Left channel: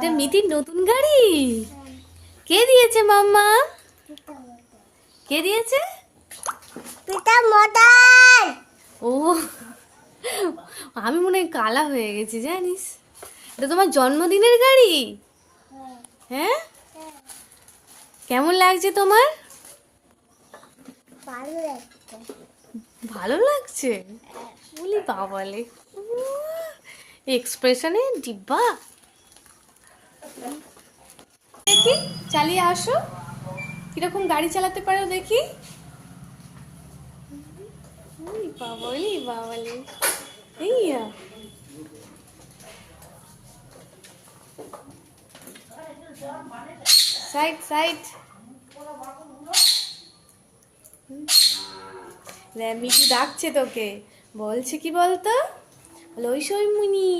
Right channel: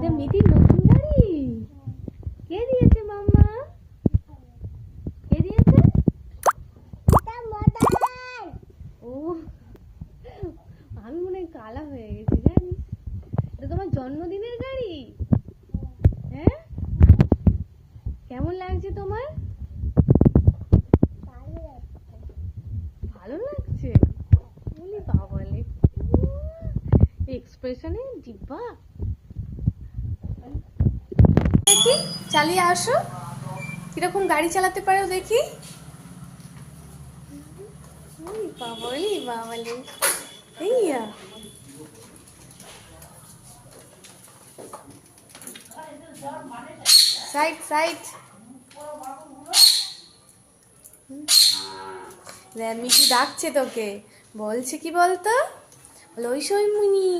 এটা মিতির নতুন গাড়ি। কে দিয়েছে মাম্মা? কে দিয়েছে? ও, আমি মনে হয় কালা হয়ে গেছি জানিস। এটা তোমার জন্মদিনের গাড়ি? হ্যাঁ, কেমন লাগছে তোমার? ভালো লাগছে। বলি বাবালে, এক্সপ্রেশনে ডিব্বা। দেখি চালিয়ে আসো, কিরকম গাড়ি চালাতে পারো দেখি। বাবালে, এইয়া সাইড সাইড। মিঠু ডাকছে তোকে, বলছে কি বলতো, লইসই মুনি।